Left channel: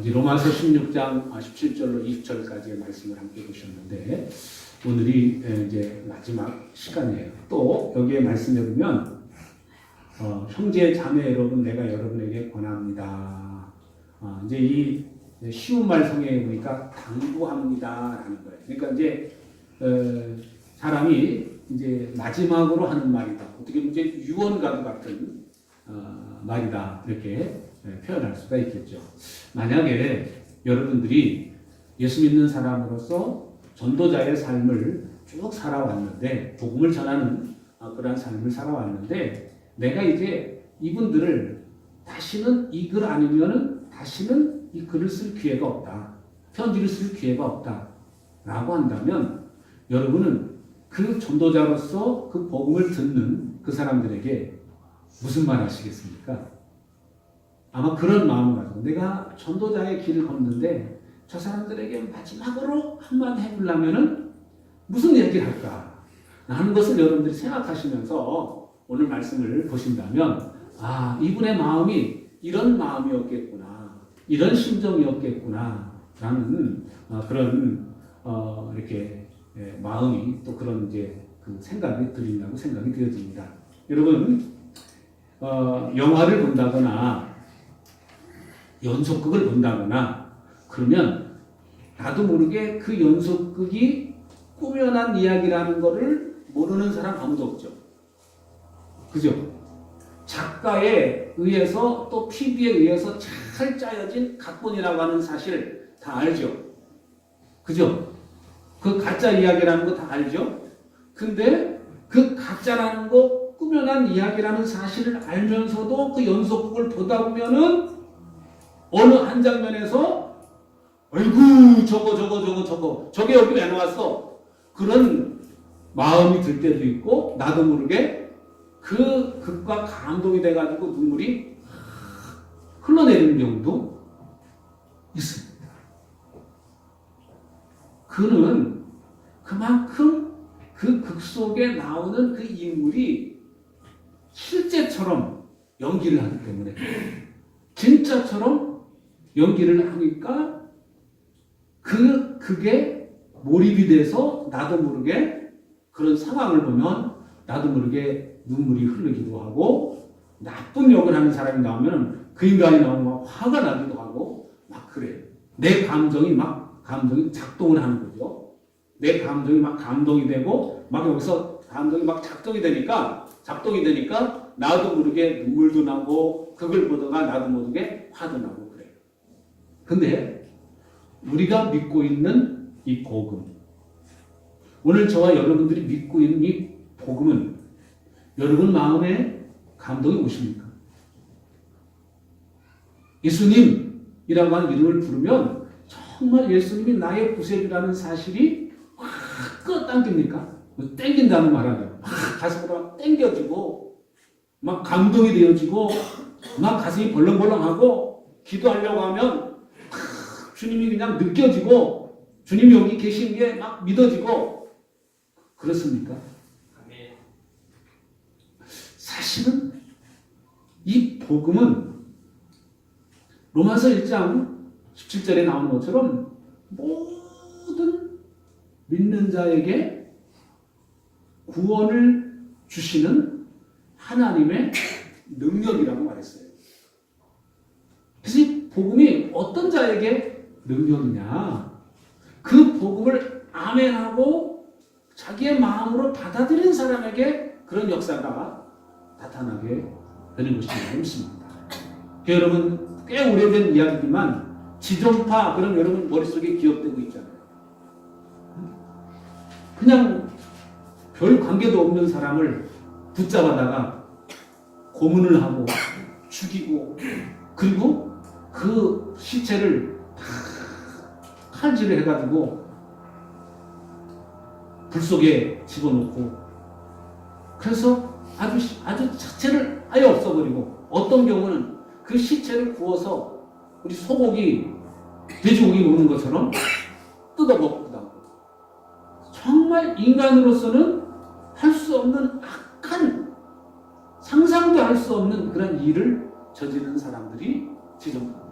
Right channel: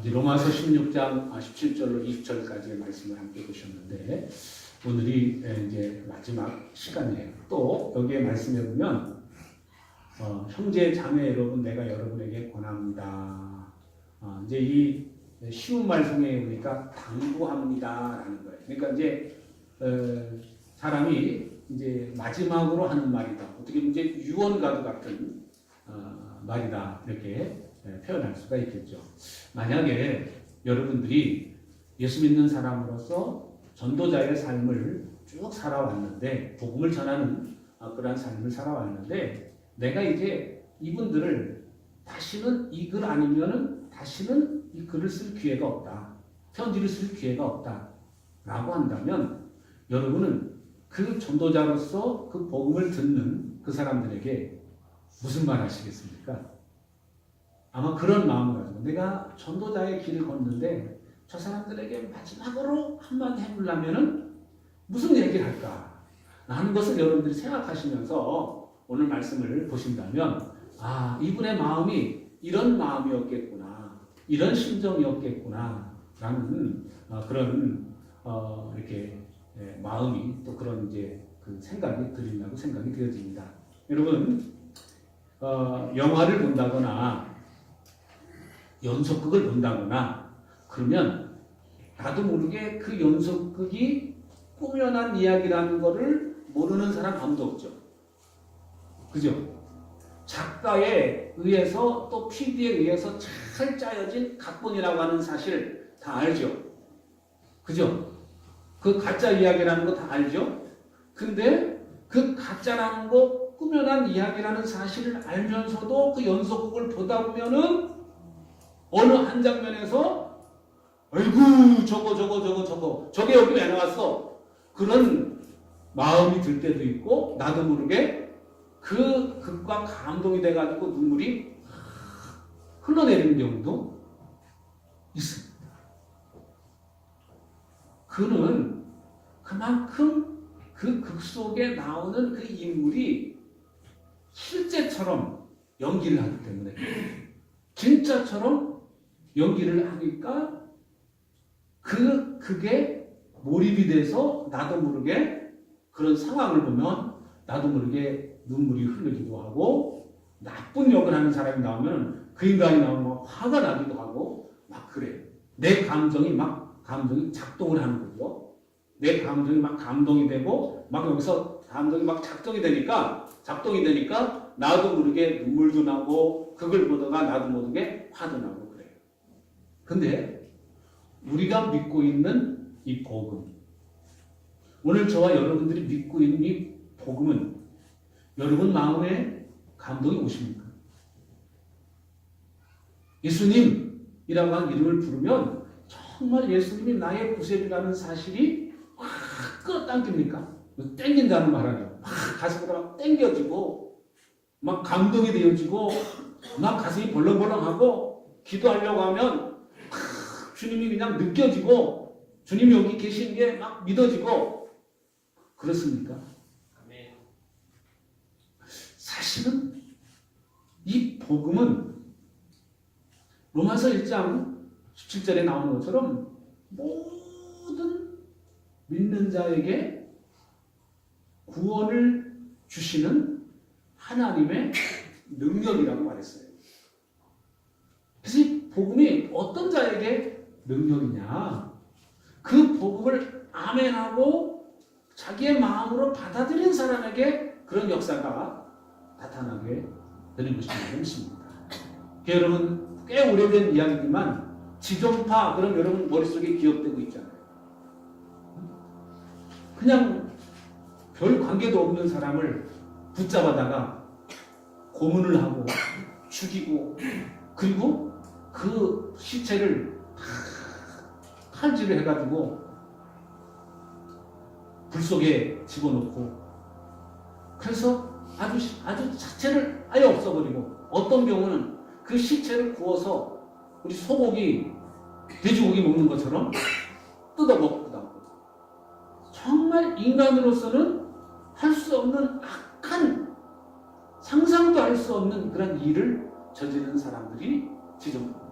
이제 로마서 16장 17절로 20절까지의 말씀을 함께 보셨는데 오늘이 이제 마지막 시간이에요. 또 여기에 말씀해 보면 형제 자매 여러분 내가 여러분에게 권합니다. 이제 이 쉬운 말성에 보니까 당부합니다라는 거예요. 그러니까 이제 사람이 이제 마지막으로 하는 말이다. 어떻게 보면 이제 유언과도 같은 말이다 이렇게 표현할 수가 있겠죠. 만약에 여러분들이 예수 믿는 사람으로서 전도자의 삶을 쭉 살아왔는데 복음을 전하는 그러한 삶을 살아왔는데 내가 이제 이분들을 다시는 이 글 아니면은 다시는 이 글을 쓸 기회가 없다. 편지를 쓸 기회가 없다. 라고 한다면 여러분은 그 전도자로서 그 복음을 듣는 그 사람들에게 무슨 말 하시겠습니까? 아마 그런 마음을 가지고 내가 전도자의 길을 걷는데 저 사람들에게 마지막으로 한마디 해보려면은 무슨 얘기를 할까 하는 것을 여러분들이 생각하시면서 오늘 말씀을 보신다면 이분의 마음이 이런 마음이었겠구나, 이런 심정이었겠구나 라는 그런 이렇게 마음이 또 그런 이제 그 생각이 들린다고 생각이 되어집니다. 여러분 영화를 본다거나 연속극을 본다거나 그러면 나도 모르게 그 연속극이 꾸며난 이야기라는 것을 모르는 사람 아무도 없죠. 그죠? 작가에 의해서 또 PD에 의해서 잘 짜여진 각본이라고 하는 사실 다 알죠. 그죠? 그 가짜 이야기라는 거 다 알죠. 근데 그 가짜라는 거 꾸며난 이야기라는 사실을 알면서도 그 연속극을 보다 보면은 어느 한 장면에서 아이고 저게 여기 왜 나왔어? 그런 마음이 들 때도 있고 나도 모르게 그 극과 감동이 돼가지고 눈물이 흘러내리는 경우도 있습니다. 그는 그만큼 그 극 속에 나오는 그 인물이 실제처럼 연기를 하기 때문에 진짜처럼 연기를 하니까 그 극에 몰입이 돼서 나도 모르게 그런 상황을 보면 나도 모르게 눈물이 흐르기도 하고 나쁜 역을 하는 사람이 나오면 그 인간이 나오면 화가 나기도 하고 막 그래요. 내 감정이 작동을 하는 거죠. 내 감정이 막 감동이 되고 막 여기서 감정이 막 작동이 되니까 나도 모르게 눈물도 나고 그걸 보다가 나도 모르게 화도 나고 그래요. 근데 우리가 믿고 있는 이 복음, 오늘 저와 여러분들이 믿고 있는 이 복음은 여러분 마음에 감동이 오십니까? 예수님이라고 하는 이름을 부르면 정말 예수님이 나의 구세주라는 사실이 확 끌어당깁니까? 땡긴다는 말 아니에요. 가슴으로 땡겨지고 막 감동이 되어지고 막 가슴이 벌렁벌렁하고 기도하려고 하면 주님이 그냥 느껴지고 주님이 여기 계신 게 막 믿어지고 그렇습니까? 사실은 이 복음은 로마서 1장 17절에 나오는 것처럼 모든 믿는 자에게 구원을 주시는 하나님의 능력이라고 말했어요. 그래서 이 복음이 어떤 자에게 능력이냐? 그 복음을 아멘하고 자기의 마음으로 받아들인 사람에게 그런 역사가 나타나게 되는 것이라고 믿습니다. 여러분 꽤 오래된 이야기지만 지존파 그럼 여러분 머릿속에 기억되고 있잖아요. 그냥 별 관계도 없는 사람을 붙잡아다가 고문을 하고 죽이고 그리고 그 시체를 칼질을 해가지고 불 속에 집어넣고 그래서 아주 자체를 아예 없어버리고 어떤 경우는 그 시체를 구워서 우리 소고기, 돼지고기 먹는 것처럼 뜯어 먹기도 하고 정말 인간으로서는 할 수 없는 악한 상상도 할 수 없는 그런 일을 저지르는 사람들이 지존파입니다.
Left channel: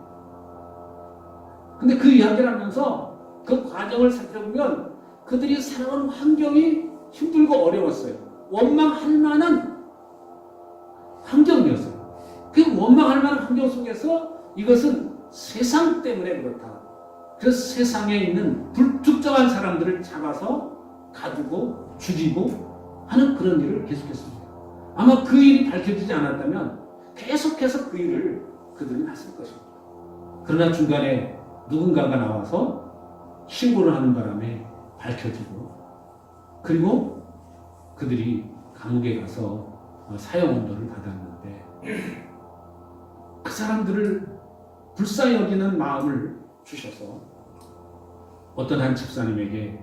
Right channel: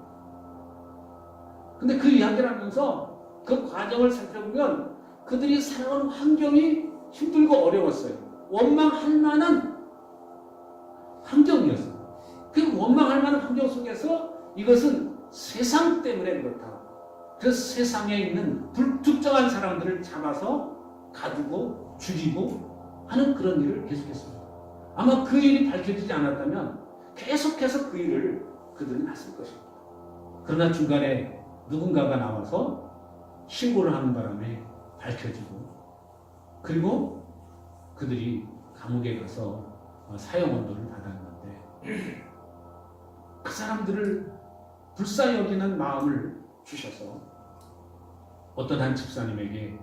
근데 그 이야기를 하면서 그 과정을 살펴보면 그들이 살아온 환경이 힘들고 어려웠어요. 원망할 만한 환경이었어요. 그 원망할 만한 환경 속에서 이것은 세상 때문에 그렇다. 그 세상에 있는 불특정한 사람들을 잡아서 가두고 죽이고 하는 그런 일을 계속했습니다. 아마 그 일이 밝혀지지 않았다면 계속해서 그 일을 그들은 했을 것입니다. 그러나 중간에 누군가가 나와서 신고를 하는 바람에 밝혀지고 그리고 그들이 감옥에 가서 사형 언도를 받았는데 그 사람들을 불쌍히 여기는 마음을 주셔서 어떤 한 집사님에게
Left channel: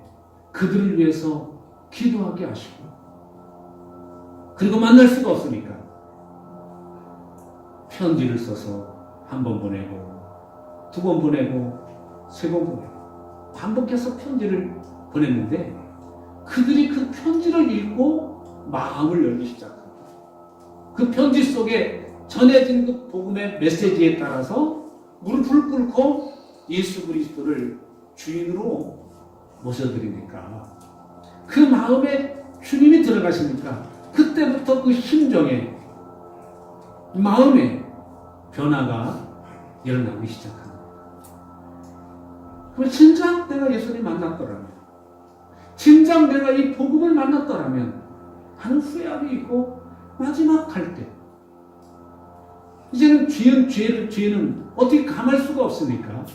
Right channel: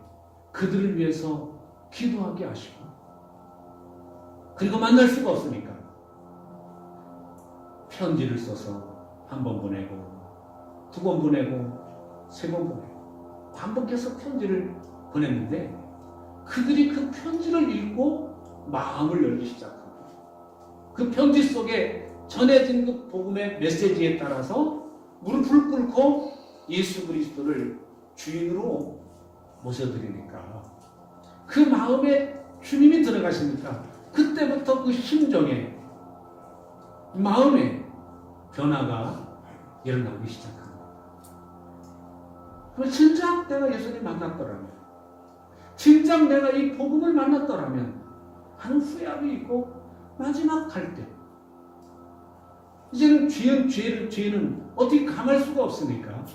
그들을 위해서 기도하게 하시고 그리고 만날 수가 없으니까 편지를 써서 한 번 보내고 두 번 보내고 세 번 보내고 반복해서 편지를 보냈는데 그들이 그 편지를 읽고 마음을 열기 시작합니다. 그 편지 속에 전해진 그 복음의 메시지에 따라서 무릎을 꿇고 예수 그리스도를 주인으로 모셔드리니까 그 마음에 주님이 들어가시니까 그때부터 그 심정에 마음에 변화가 일어나기 시작합니다. 그럼 진작 내가 예수를 만났더라면 진작 내가 이 복음을 만났더라면 하는 후회함이 있고 마지막 갈 때 이제는 죄는 어떻게 감할 수가 없으니까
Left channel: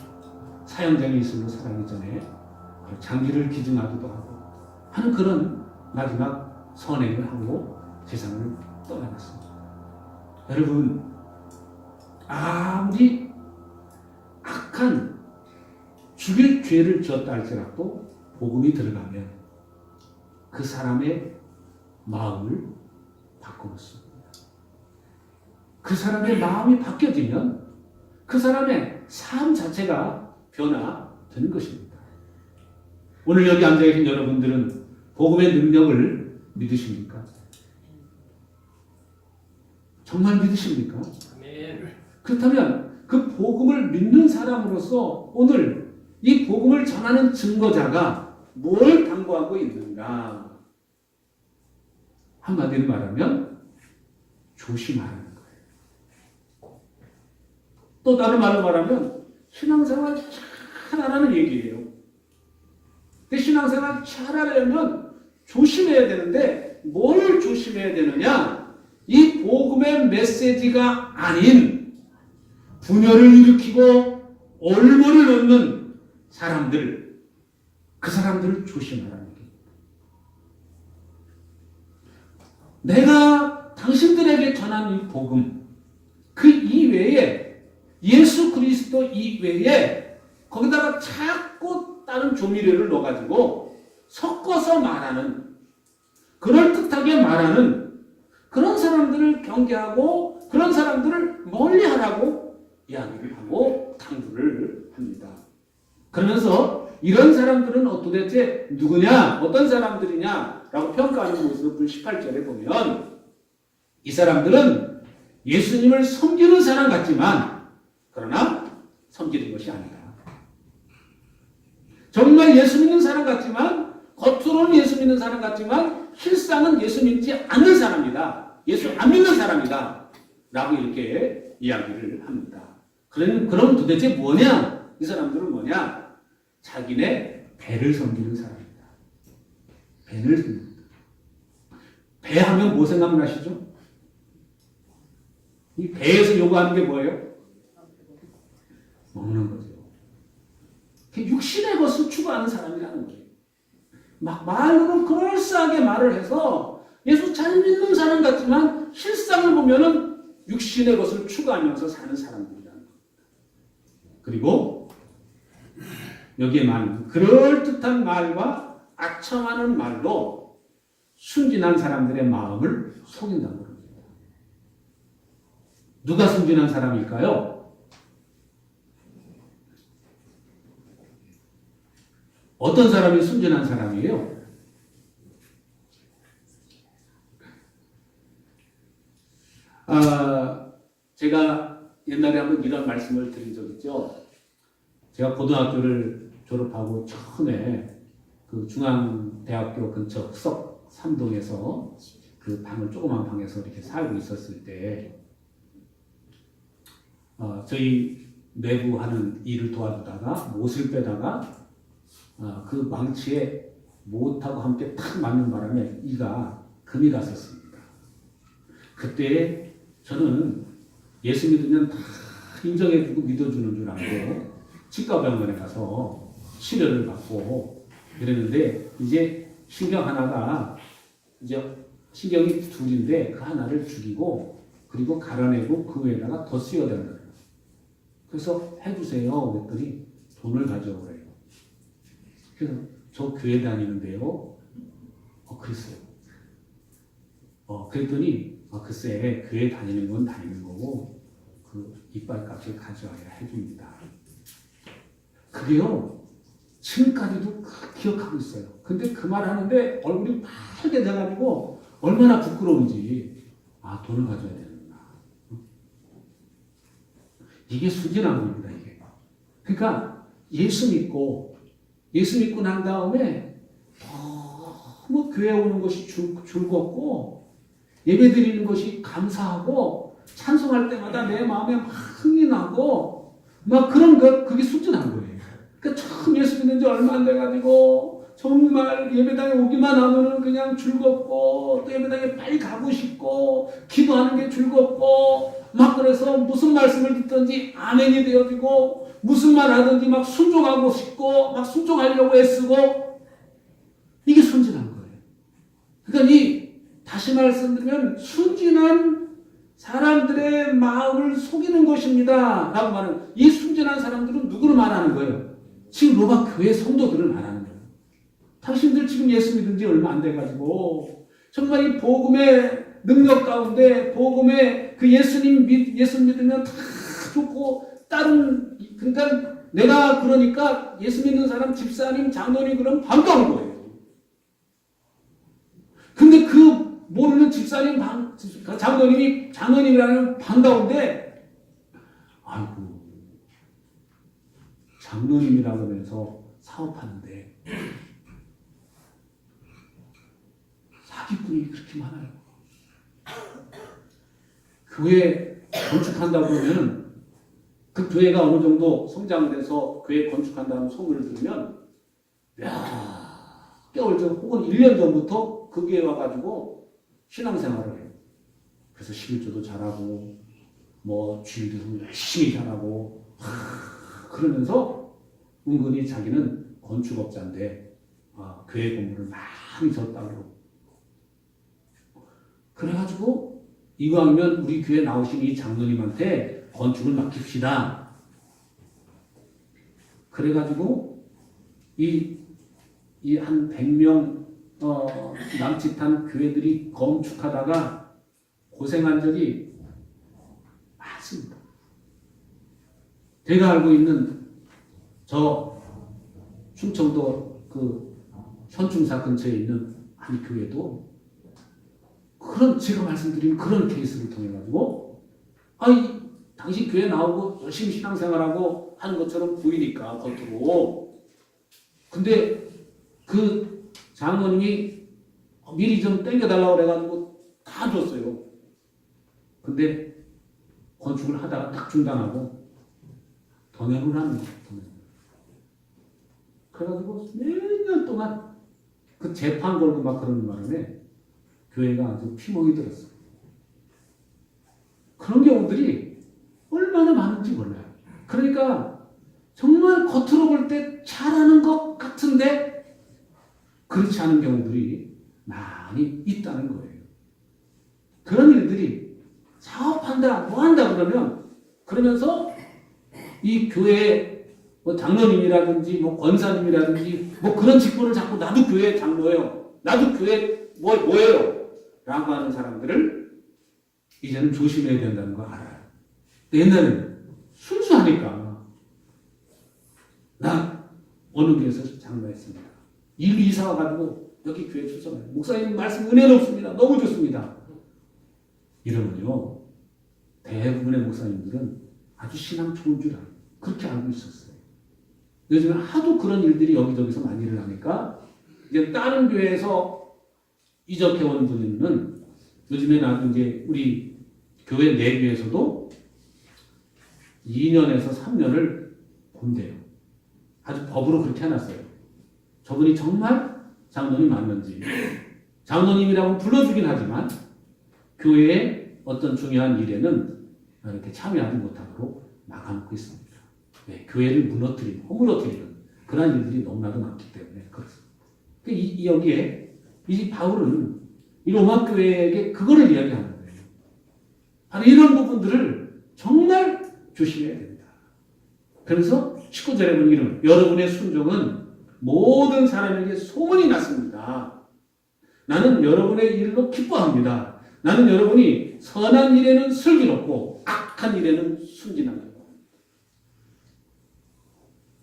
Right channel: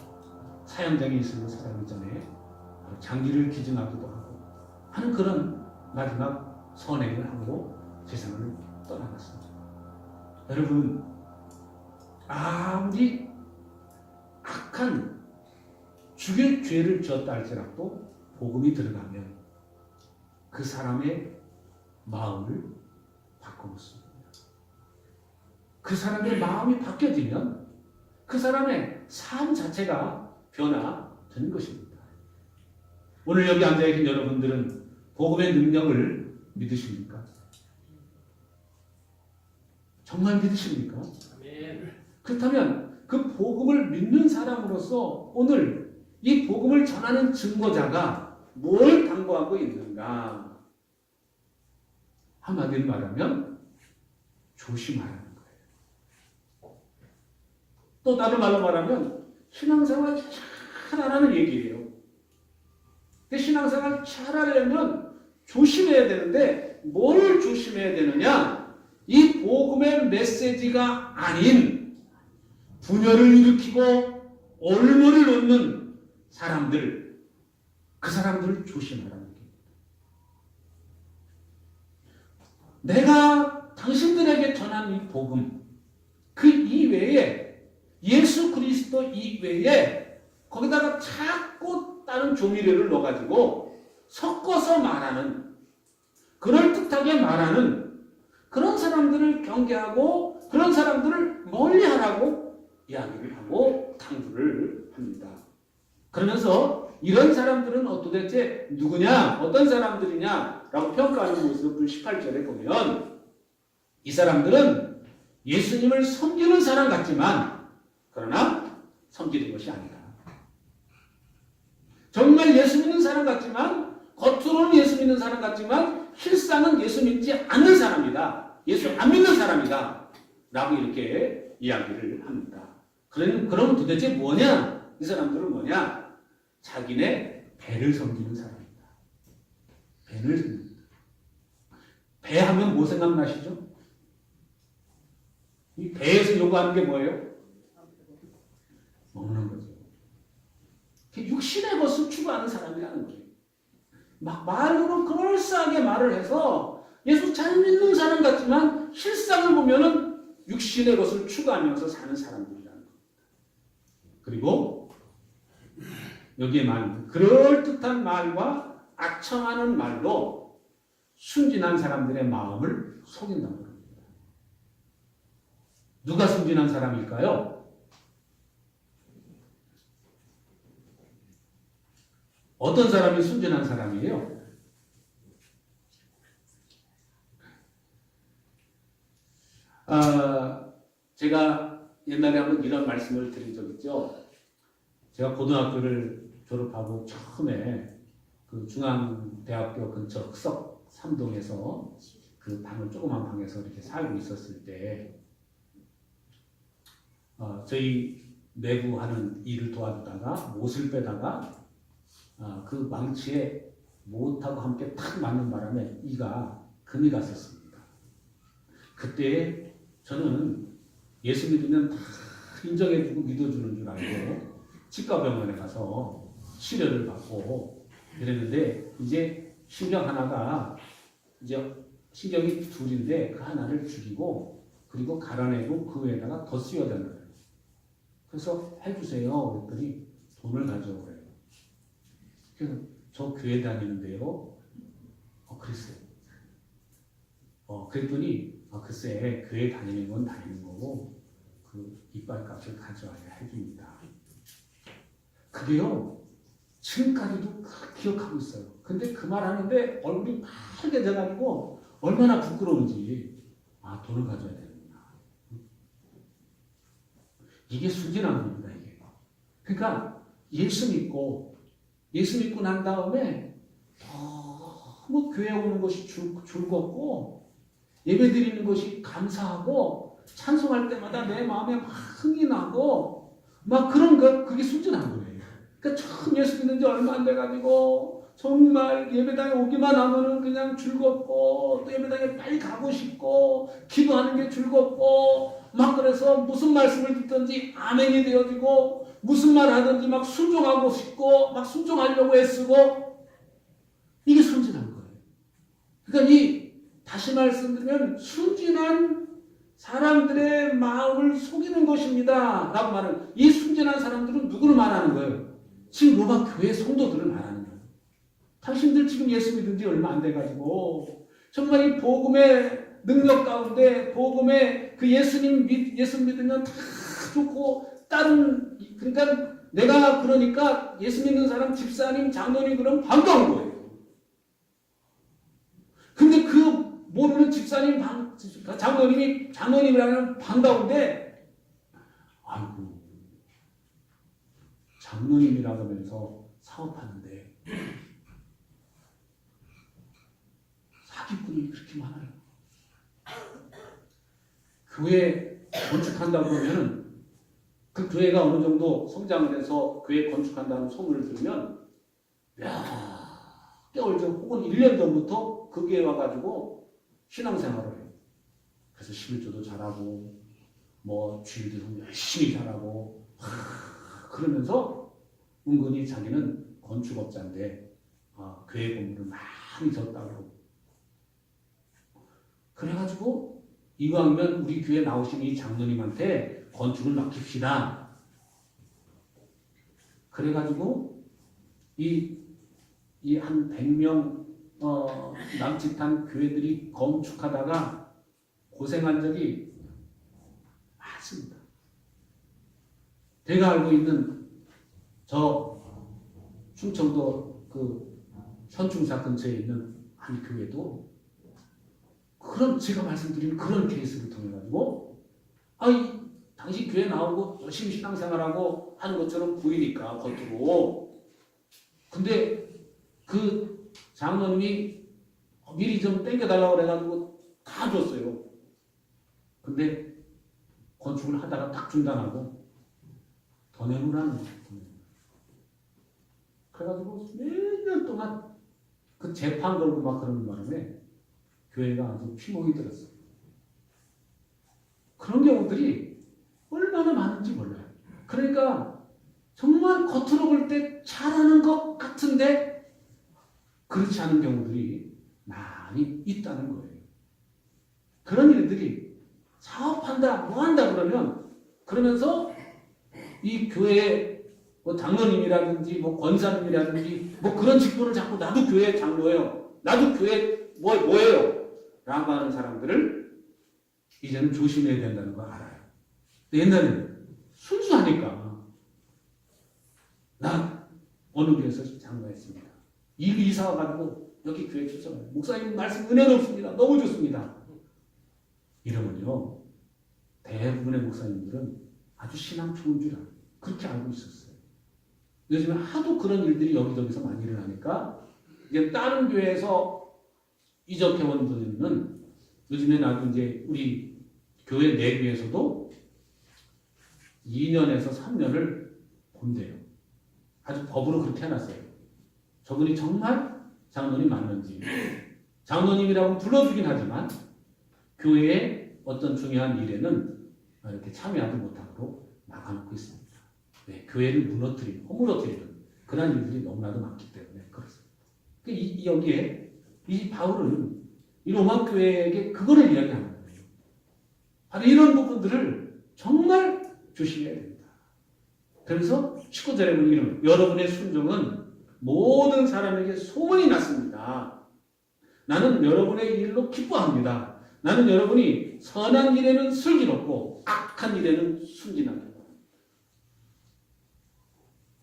사형장에 있으면 사람이 전에 장기를 기증하기도 하고 하는 그런 마지막 선행을 하고 세상을 떠나갔습니다. 여러분 아무리 악한 죽일 죄를 지었다 할지라도 복음이 들어가면 그 사람의 마음을 바꿔놓습니다. 그 사람의 마음이 바뀌어지면 그 사람의 삶 자체가 변화되는 것입니다. 오늘 여기 앉아계신 여러분들은 복음의 능력을 믿으십니까? 정말 믿으십니까? 아멘. 그렇다면 그 복음을 믿는 사람으로서 오늘 이 복음을 전하는 증거자가 뭘 당부하고 있는가? 한마디로 말하면 조심하라는 거예요. 또 다른 말로 말하면 신앙생활 잘하라는 얘기예요. 그 신앙생활 잘하려면 조심해야 되는데 뭘 조심해야 되느냐? 이 복음의 메시지가 아닌 분열을 일으키고 올무를 얻는 사람들, 그 사람들을 조심하라는 게. 내가 당신들에게 전한 이 복음, 그 이외에 예수 그리스도 이외에 거기다가 자꾸 다른 조미료를 넣어가지고 섞어서 말하는, 그럴듯하게 말하는 그런 사람들을 경계하고 그런 사람들을 멀리하라고 이야기를 하고 당부를 합니다. 그러면서 이런 사람들은 도대체 누구냐, 어떤 사람들이냐라고 평가하는 모습을 18절에 보면 이 사람들은 예수님을 섬기는 사람 같지만 그러나 섬기는 것이 아니다. 정말 예수 믿는 사람 같지만 겉으로는 예수 믿는 사람 같지만 실상은 예수 믿지 않는 사람이다. 예수 안 믿는 사람이다. 라고 이렇게 이야기를 합니다. 그럼 도대체 뭐냐? 이 사람들은 뭐냐? 자기네 배를 섬기는 사람입니다. 배를 섬깁니다. 배 하면 뭐 생각나시죠? 이 배에서 요구하는 게 뭐예요? 먹는 거죠. 육신의 것을 추구하는 사람이라는 거죠. 막 말로는 그럴싸하게 말을 해서 예수 잘 믿는 사람 같지만 실상을 보면은 육신의 것을 추구하면서 사는 사람들이라는 겁니다. 그리고 여기에 많은 그럴듯한 말과 악청하는 말로 순진한 사람들의 마음을 속인다는 겁니다. 누가 순진한 사람일까요? 어떤 사람이 순진한 사람이에요? 제가 옛날에 한번 이런 말씀을 드린 적 있죠. 제가 고등학교를 졸업하고 처음에 그 중앙대학교 근처 흑석 삼동에서 그 방을 조그만 방에서 이렇게 살고 있었을 때 저희 내부 하는 일을 도와주다가 못을 빼다가 그 망치에 못하고 함께 탁 맞는 바람에 이가 금이 갔었습니다. 그때 저는 예수 믿으면 다 인정해주고 믿어주는 줄 알고 치과병원에 가서 치료를 받고 이랬는데 이제 신경 하나가 이제 신경이 둘인데 그 하나를 죽이고 그리고 갈아내고 그 위에다가 더 씌워야 되는 거예요. 그래서 해주세요. 그랬더니 돈을 가져오래요. 그래서 저 교회 다니는데요. 글쎄요. 그랬더니 글쎄 교회 다니는 건 다니는 거고 그 이빨값을 가져와야 해줍니다. 그게요. 지금까지도 기억하고 있어요. 근데 그 말 하는데 얼굴이 빨개 돼가지고 얼마나 부끄러운지 돈을 가져야 되는구나. 이게 순진한 겁니다. 이게. 그러니까 예수 믿고 난 다음에 너무 교회 오는 것이 즐겁고 예배 드리는 것이 감사하고 찬송할 때마다 내 마음에 막 흥이 나고 막 그런 것 그게 순진한 거예요. 그러니까 처음 예수 믿는 지 얼마 안 돼가지고 정말 예배당에 오기만 하면은 그냥 즐겁고 또 예배당에 빨리 가고 싶고 기도하는 게 즐겁고 막 그래서 무슨 말씀을 듣든지 아멘이 되어지고 무슨 말 하든지 막 순종하고 싶고 막 순종하려고 애쓰고 이게 순진한 거예요. 그러니까 다시 말씀드리면 순진한 사람들의 마음을 속이는 것입니다. 라고 말하는 이 순진한 사람들은 누구를 말하는 거예요? 지금 로마 교회 성도들을 말하는 거예요. 당신들 지금 예수 믿은 지 얼마 안 돼가지고 정말 이 복음의 능력 가운데 복음의 그 예수 믿으면 다 좋고 다른 그러니까 내가 그러니까 예수 믿는 사람 집사님 장로님 그러면 반가운 거예요. 근데 그 모르는 집사님 장로님이라면 반가운데 아이고 장로님이라고 하면서 사업하는데 사기꾼이 그렇게 많아요. 교회 건축한다고 그러면 그 교회가 어느 정도 성장을 해서 교회 건축한다는 소문을 들으면 몇 개월 전 혹은 1년 전부터 그 교회에 와가지고 신앙생활을 해요. 그래서 11조도 잘하고 뭐 주일도 열심히 잘하고 그러면서 은근히 자기는 건축업자인데 교회 공부를 많이 졌다고 그래가지고 이왕이면 우리 교회 나오신 이 장로님한테 건축을 맡깁시다. 그래가지고 이 한 100명 남짓한 교회들이 건축하다가 고생한 적이 많습니다. 제가 알고 있는 저 충청도 그 현충사 근처에 있는 한 교회도 그런 제가 말씀드린 그런 케이스를 통해 가지고 당신 교회 나오고 열심히 신앙생활하고 하는 것처럼 보이니까 겉으로 근데 그 장로님이 미리 좀 땡겨달라고 그래가지고 다 줬어요. 근데 건축을 하다가 딱 중단하고 동행을 하는 거예요. 그래가지고 몇 년 동안 그 재판 걸고 막 그러는 바람에 교회가 아주 피멍이 들었어요. 그런 경우들이 얼마나 많은지 몰라요. 그러니까 정말 겉으로 볼 때 잘하는 것 같은데 그렇지 않은 경우들이 많이 있다는 거예요. 그런 일들이 사업한다, 뭐 한다 그러면서 이 교회 뭐 장로님이라든지 뭐 권사님이라든지 뭐 그런 직분을 자꾸 나도 교회 장로예요. 나도 교회 뭐예요? 라고 하는 사람들을 이제는 조심해야 된다는 거 알아요. 옛날에는 순수하니까 나 어느 교회에서 장로했습니다. 일 이사 와가지고 여기 교회 출석해요. 목사님 말씀 은혜롭습니다. 너무 좋습니다. 이러면요 대부분의 목사님들은 아주 신앙 좋은 줄 알아요. 그렇게 알고 있었어요. 요즘은 하도 그런 일들이 여기저기서 많이 일어나니까 이제 다른 교회에서 이적해온 분들은 요즘에 나도 이제 우리 교회 내부에서도 2년에서 3년을 본대요. 아주 법으로 그렇게 해놨어요. 저분이 정말 장로님 맞는지. 장로님이라고 불러주긴 하지만 교회의 어떤 중요한 일에는 이렇게 참여하지 못하도록 막아놓고 있습니다. 네, 교회를 무너뜨리는, 허물어뜨리는 그런 일들이 너무나도 많기 때문에 그렇습니다. 여기에 이 바울은 이 로마 교회에게 그거를 이야기하는 거예요. 바로 이런 부분들을 정말 조심해야 됩니다. 그래서 19절에 보면 이런 여러분의 순종은 모든 사람에게 소문이 났습니다. 나는 여러분의 일로 기뻐합니다. 나는 여러분이 선한 일에는 슬기롭고 악한 일에는 순진하다.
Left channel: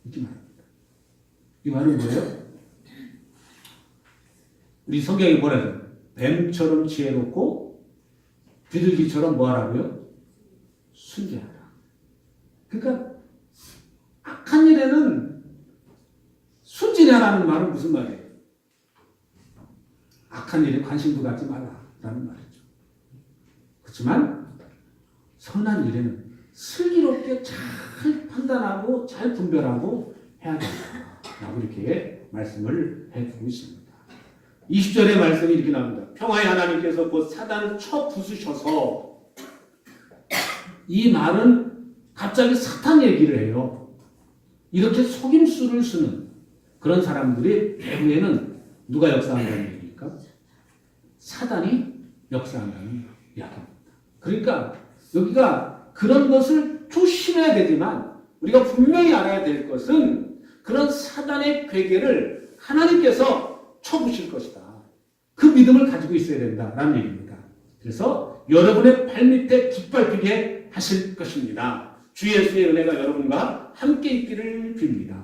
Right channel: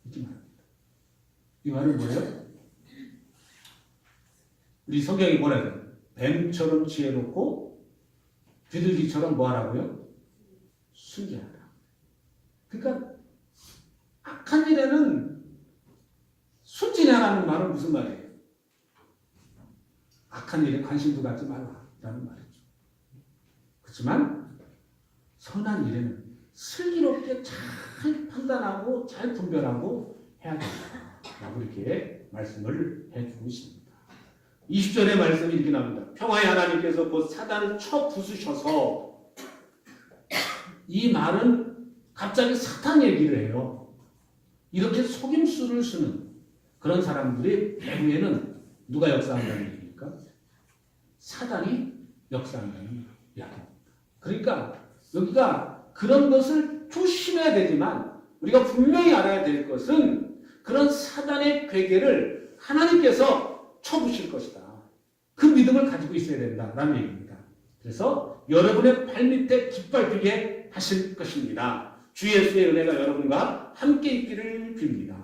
이렇게 말합니다. 이 말은 뭐예요? 우리 성경이 뭐라고요? 뱀처럼 지혜롭고 비둘기처럼 뭐하라고요? 순진하라. 그러니까 악한 일에는 순진하라는 말은 무슨 말이에요? 악한 일에 관심도 갖지 마라라는 말이죠. 그렇지만 선한 일에는 슬기롭게 잘 판단하고 잘 분별하고 해야 된다라고 이렇게 말씀을 해주고 있습니다. 20절의 말씀이 이렇게 나옵니다. 평화의 하나님께서 그 사단을 쳐 부수셔서 이 말은 갑자기 사탄 얘기를 해요. 이렇게 속임수를 쓰는 그런 사람들이 배후에는 누가 역사한다는 얘기입니까? 사단이 역사한다는 이야기입니다. 그러니까 여기가 그런 것을 조심해야 되지만 우리가 분명히 알아야 될 것은 그런 사단의 괴계를 하나님께서 쳐부실 것이다. 그 믿음을 가지고 있어야 된다라는 얘기입니다. 그래서 여러분의 발밑에 깃발들게 하실 것입니다. 주 예수의 은혜가 여러분과 함께 있기를 빕니다.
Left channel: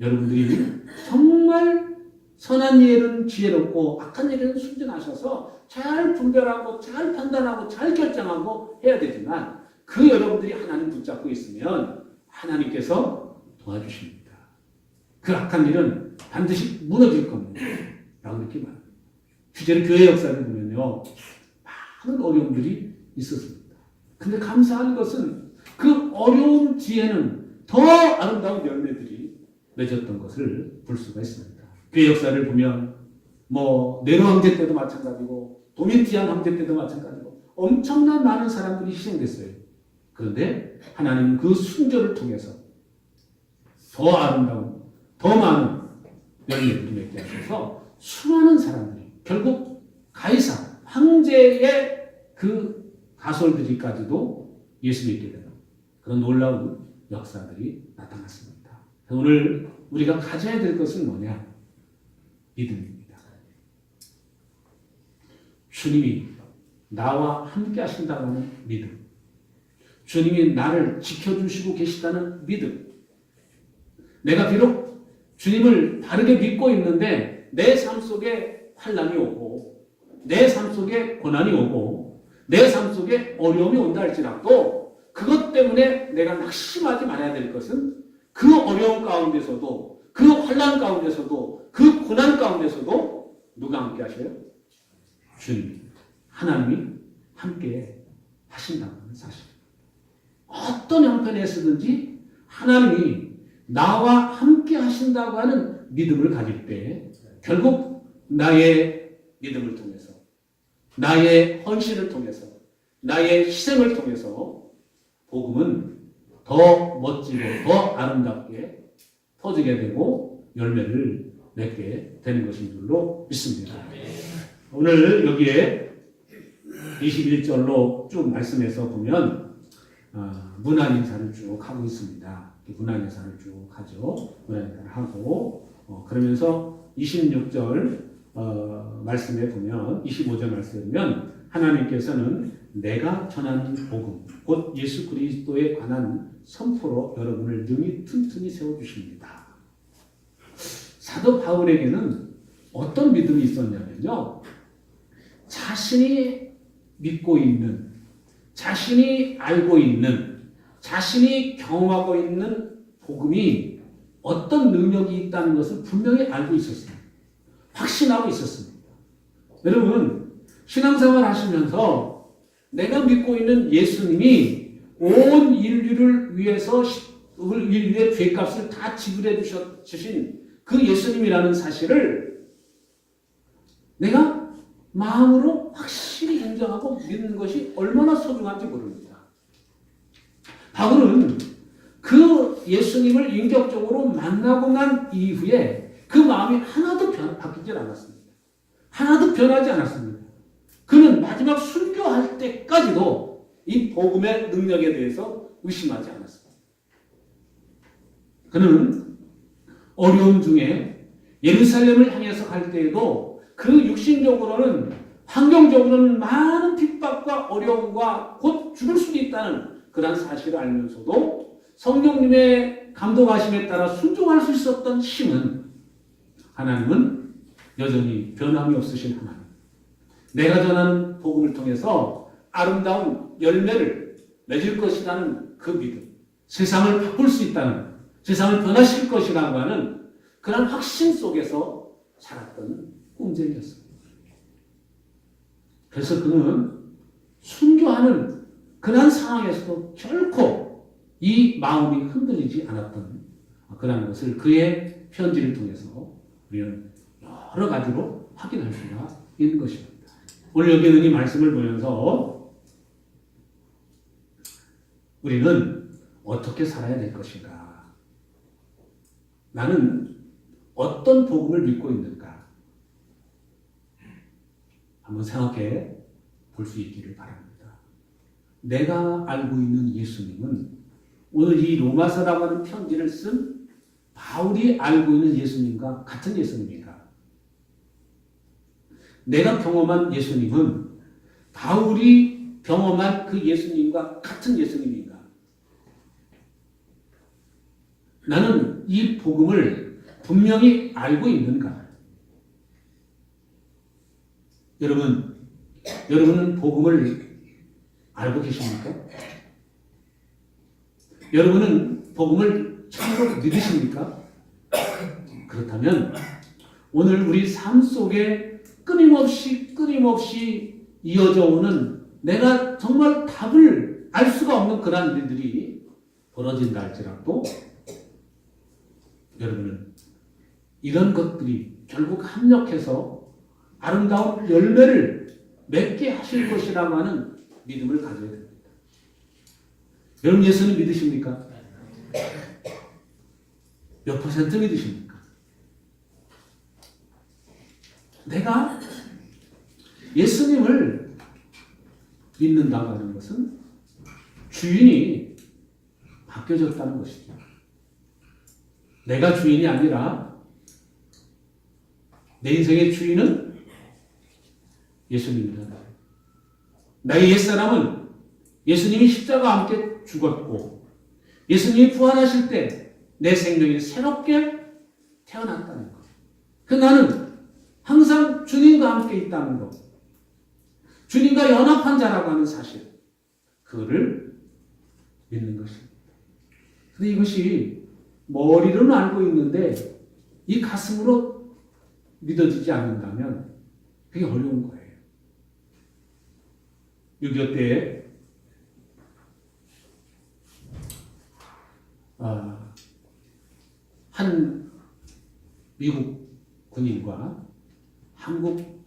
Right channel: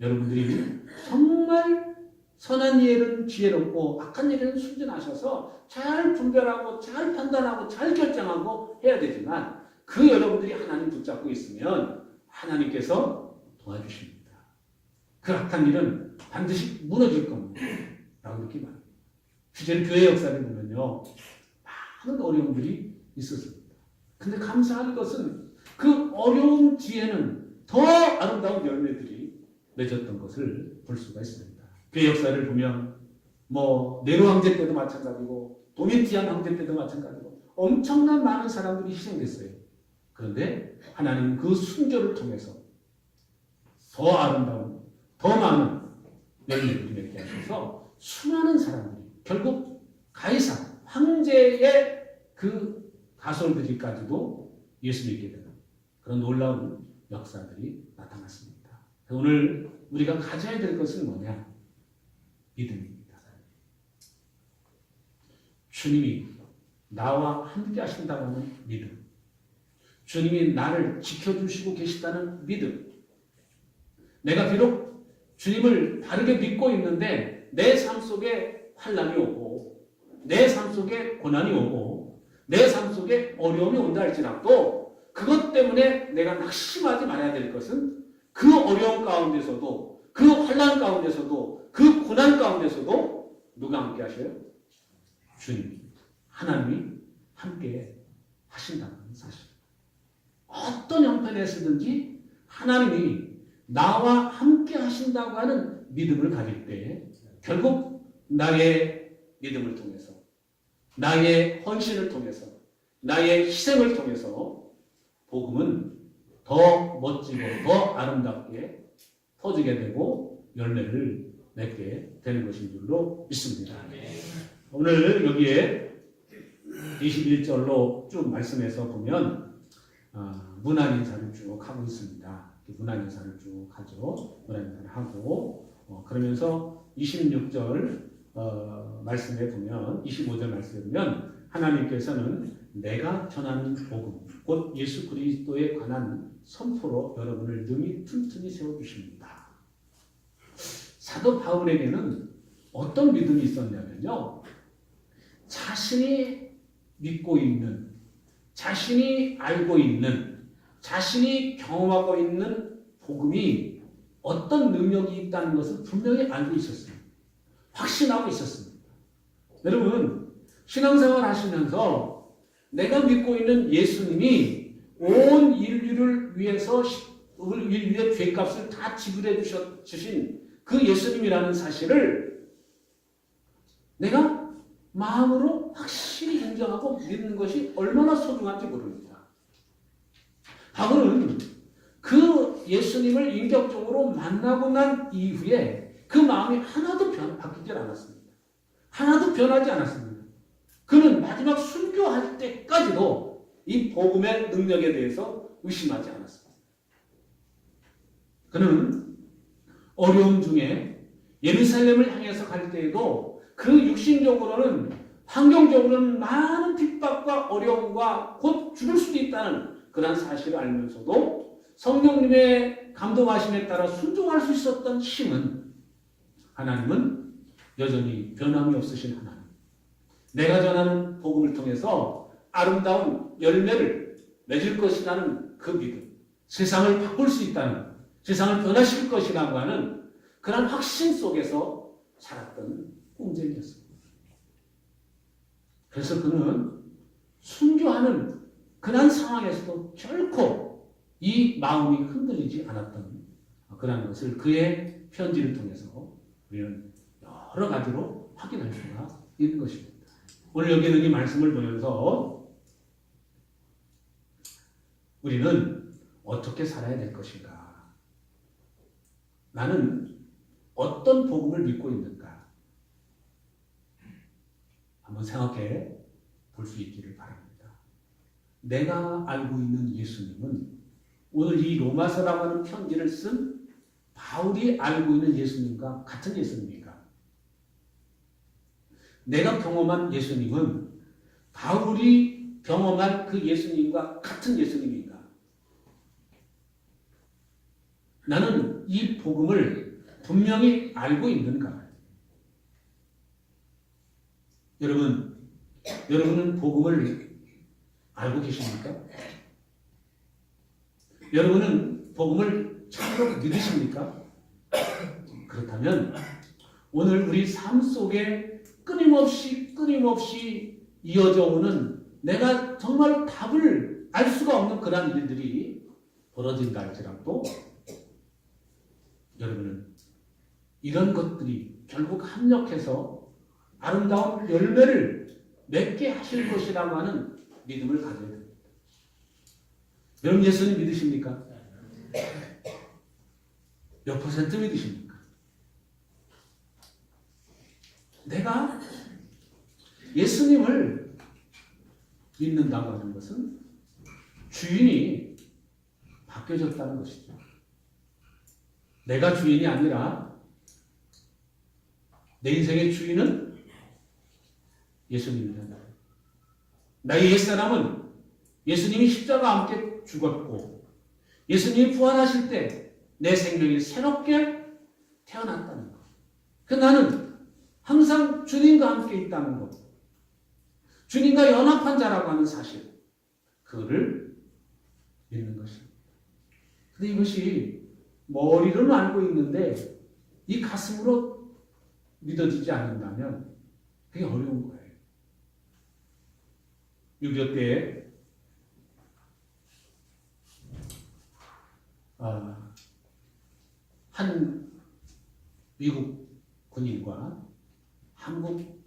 여러분들이 정말 선한 일은 지혜롭고 악한 일은 순진하셔서 잘 분별하고 잘 판단하고 잘 결정하고 해야 되지만 그 여러분들이 하나님 붙잡고 있으면 하나님께서 도와주십니다. 그 악한 일은 반드시 무너질 겁니다. 라고 이렇게 말합니다. 실제로 교회 역사를 보면요. 많은 어려움들이 있었습니다. 근데 감사한 것은 그 어려움 뒤에는 더 아름다운 열매들이 맺었던 것을 볼 수가 있습니다. 교회 역사를 보면 네로 황제 때도 마찬가지고 도미티안 황제 때도 마찬가지고 엄청난 많은 사람들이 희생됐어요. 그런데 하나님은 그 순교를 통해서 더 아름다운 더 많은 열매를 맺게 하셔서 수많은 사람들이 결국 가이사 황제의 그 가솔들이까지도 예수 믿게 되는 그런 놀라운 역사들이 나타났습니다. 오늘 우리가 가져야 될 것은 뭐냐? 믿음입니다. 주님이 나와 함께 하신다는 믿음. 주님이 나를 지켜주시고 계시다는 믿음. 내가 비록 주님을 바르게 믿고 있는데 내 삶 속에 환난이 오고 내 삶 속에 고난이 오고 내 삶 속에 어려움이 온다 할지라도 그것 때문에 내가 낙심하지 말아야 될 것은 그 어려움 가운데서도 그 환난 가운데서도 그 고난 가운데서도 누가 함께 하셔요? 주님, 하나님이 함께 하신다는 사실. 어떤 형편에서든지 하나님이 나와 함께 하신다고 하는 믿음을 가질 때 결국 나의 믿음을 통해서 나의 헌신을 통해서 나의 희생을 통해서 복음은 더 멋지고 더 아름답게 퍼지게 되고 열매를 맺게 되는 것인 줄로 믿습니다. 오늘 여기에 21절로 쭉 말씀해서 보면 문안 인사를 쭉 하고 있습니다. 문안 인사를 쭉 하죠. 문안 인사를 하고 그러면서 26절 말씀에 보면 25절 말씀에 보면 하나님께서는 내가 전하는 복음 곧 예수 그리스도에 관한 선포로 여러분을 능히 튼튼히 세워주십니다. 사도 바울에게는 어떤 믿음이 있었냐면요. 자신이 믿고 있는 자신이 알고 있는 자신이 경험하고 있는 복음이 어떤 능력이 있다는 것을 분명히 알고 있었습니다. 확신하고 있었습니다. 여러분, 신앙생활 하시면서 내가 믿고 있는 예수님이 온 인류를 위해서 인류의 죄값을 다 지불해 주신 그 예수님이라는 사실을 내가 마음으로 확실히 인정하고 믿는 것이 얼마나 소중한지 모릅니다. 바울은 그 예수님을 인격적으로 만나고 난 이후에 그 마음이 하나도 바뀌지 않았습니다. 하나도 변하지 않았습니다. 그는 마지막 순교할 때까지도 이 복음의 능력에 대해서 의심하지 않았습니다. 그는 어려움 중에 예루살렘을 향해서 갈 때에도 그 육신적으로는 환경적으로는 많은 핍박과 어려움과 곧 죽을 수도 있다는 그런 사실을 알면서도 성령님의 감동하심에 따라 순종할 수 있었던 힘은 하나님은 여전히 변함이 없으신 하나님. 내가 전하는 복음을 통해서 아름다운 열매를 맺을 것이라는 그 믿음, 세상을 바꿀 수 있다는, 세상을 변화시킬 것이라고 하는 그런 확신 속에서 살았던 공쟁이었습니다. 그래서 그는 순교하는 그런 상황에서도 결코 이 마음이 흔들리지 않았던 그런 것을 그의 편지를 통해서 우리는 여러 가지로 확인할 수가 있는 것입니다. 오늘 여기 있는 이 말씀을 보면서 우리는 어떻게 살아야 될 것인가? 나는 어떤 복음을 믿고 있는가? 한번 생각해 볼 수 있기를 바랍니다. 내가 알고 있는 예수님은 오늘 이 로마서라고 하는 편지를 쓴 바울이 알고 있는 예수님과 같은 예수님인가? 내가 경험한 예수님은 바울이 경험한 그 예수님과 같은 예수님인가? 나는 이 복음을 분명히 알고 있는가? 여러분은 복음을 알고 계십니까? 여러분은 복음을 참으로 믿으십니까? 그렇다면 오늘 우리 삶 속에 끊임없이 이어져 오는 내가 정말 답을 알 수가 없는 그런 일들이 벌어진다 할지라도 여러분은 이런 것들이 결국 합력해서 아름다운 열매를 맺게 하실 것이라고 하는 믿음을 가져야 됩니다. 여러분 예수님 믿으십니까? 몇 퍼센트 믿으십니까? 내가 예수님을 믿는다고 하는 것은 주인이 바뀌어졌다는 것이죠. 내가 주인이 아니라 내 인생의 주인은 예수님입니다. 나의 옛사람은 예수님이 십자가와 함께 죽었고 예수님이 부활하실 때 내 생명이 새롭게 태어났다는 것. 그 나는 항상 주님과 함께 있다는 것. 주님과 연합한 자라고 하는 사실. 그거를 믿는 것입니다. 그런데 이것이 머리로는 알고 있는데 이 가슴으로 믿어지지 않는다면 그게 어려운 거예요. 6.25 때에 한 미국 군인과 한국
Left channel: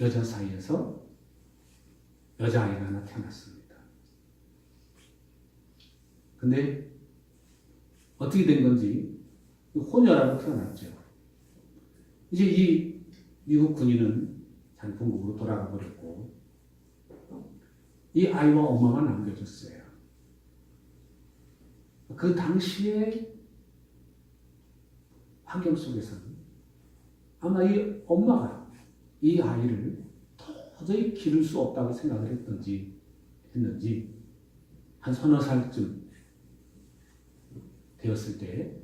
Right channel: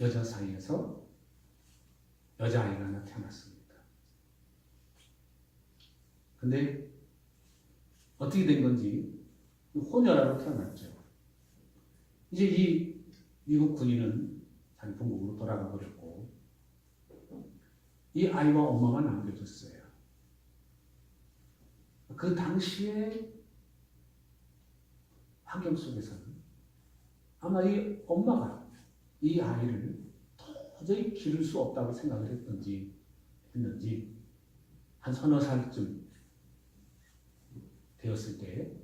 여자 사이에서 여자아이가 하나 태어났습니다. 근데 어떻게 된 건지 혼혈하고 태어났죠. 이제 이 미국 군인은 자기 본국으로 돌아가 버렸고 이 아이와 엄마만 남겨졌어요. 그 당시에 환경 속에서는 아마 이 엄마가 이 아이를 도저히 기를 수 없다고 생각을 했는지 한 서너 살쯤 되었을 때